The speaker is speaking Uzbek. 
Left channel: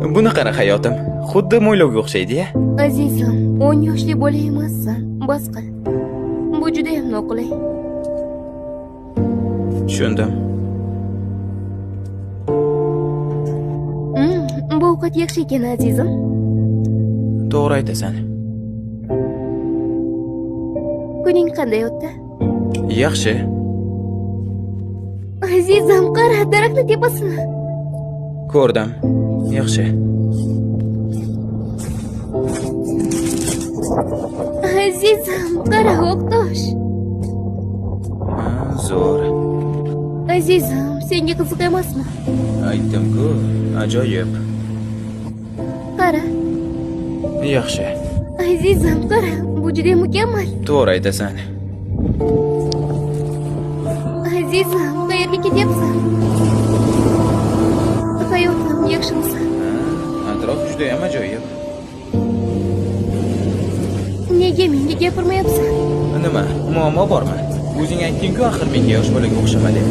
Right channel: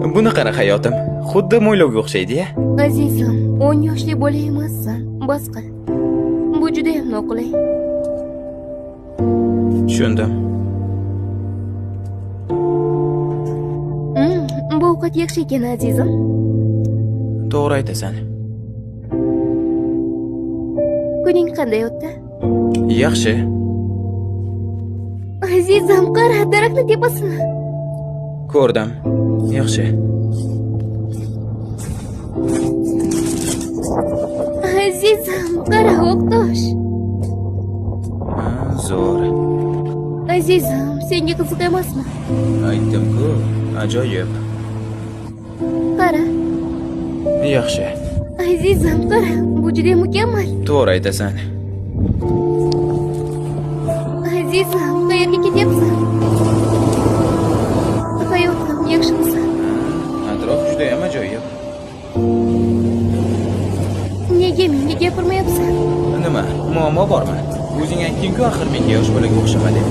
Buni qara hayotim. Xuddi mo'ylovga o'xshaydi-ya. Azizim, 10 yoshli bola emassan. Bas qil. Bu juda ham noqulay. Tushundim. Bu ovqat yaxshi ekan, azizim. To'g'ri aytasan. Kuning qanday o'tdi? Yaxshi. Azizim, qara, daraxtni tepasini. Ko'rdim. Yaxshi. Azizim, qara, o'qtosh. Zo'r. Azizim, senga qiziq emasmi? Aytdim-ku, ajoyib. Qara. Yaxshi. Azizim, qara, bu juda mukammal. To'g'ri aytasan. Azizim, qayerga ketyapsan? Hayotim, yaxshimisan? Atrof juda ham ajoyib. Nega menga gapirmayapsan? Nima? Muammo bormi? O'zing aytding-ku, axir menga yosh bolaga o'xshama deb.